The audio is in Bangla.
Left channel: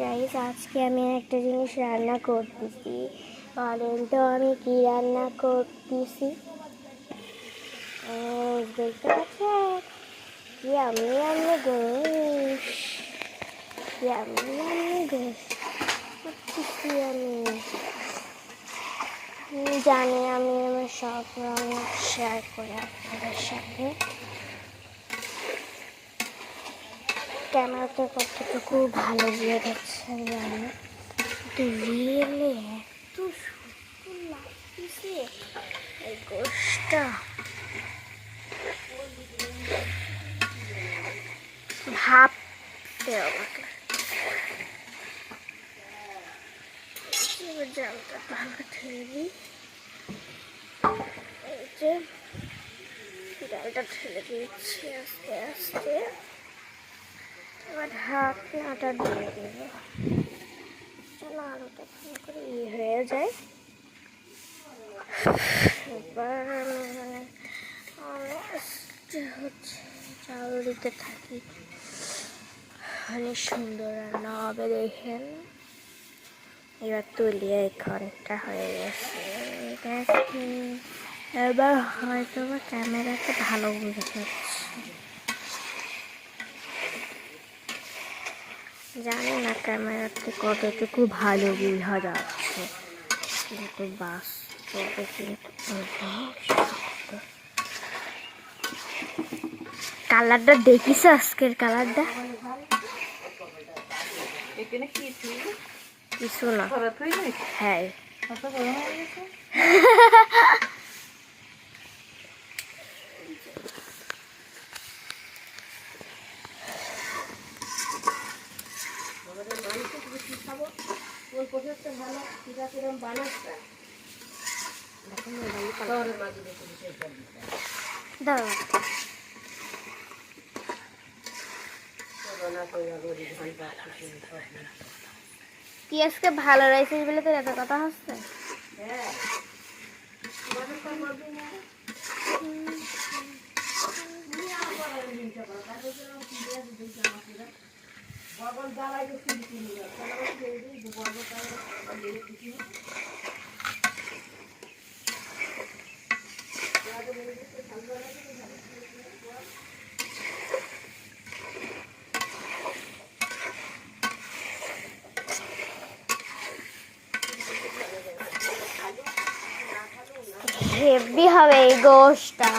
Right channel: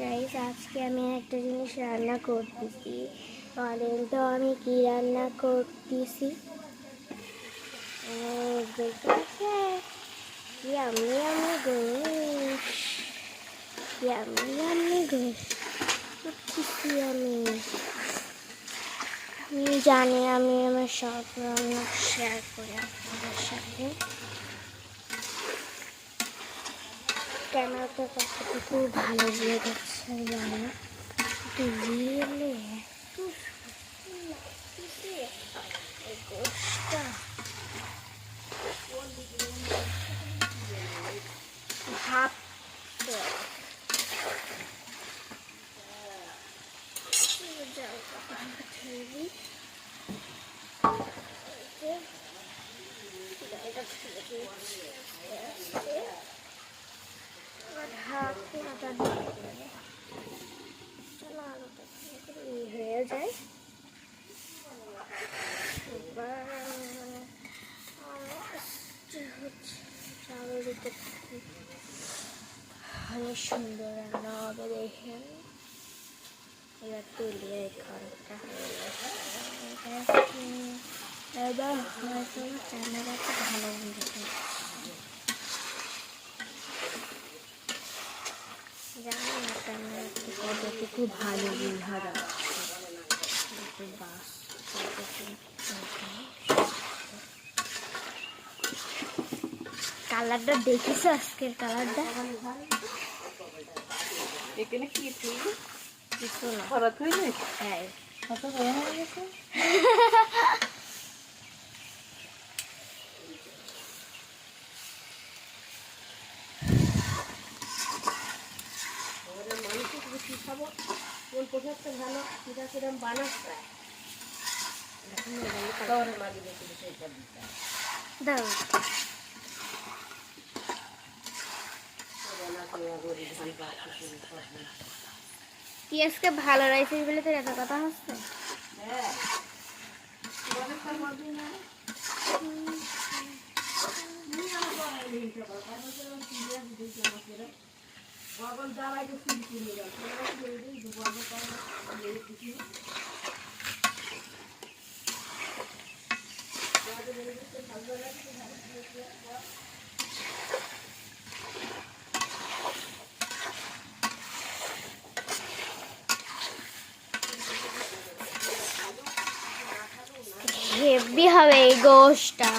গাইস আজকে আমি একটা জিনিস রান্না করতেছি। বলেন তো আমি কি রান্না করতেছি? দেখতে পাচ্ছেন কি আমি গোশ, কি আমি গোশ করতেছি। আমি জানি আমি আমার সব রান্না শেয়ার করে আপনাদের সাথে। ক্যামেরাতে কতটুকু ভালো গিয়ে দেখছে আমি জানি না, কিন্তু রিয়েলে এত সুন্দর লাগতেছে এই গোশটা। ভাবতে জায়গা ভালো ঠেলি, গাড়িটা ঠেলে দিচ্ছি আস্তে আস্তে। এবার ঢাকনাটা দিয়ে দেবো, চলো আলুটা করে হয়ে যায়। এবার হচ্ছে চাল দিতে থাকি, অনেক সুন্দর রান্না হবে দেখেন। এবার তুলিয়ে অনেকটা হয়ে গেছে। এবার হয়তো ক্যামেরাতে ভালো বুঝতে জানি না ক্যামেরাতে কতটুকু ভালো বোঝা যাচ্ছে, কিন্তু বাস কালারটা দেখিস আজকের কালারটা কিছু না। হ্যাঁ দাও কি আজকে ভালো রাইছিস বলে তোর এত কথা হচ্ছে? হেভি হবে এই গোশটা।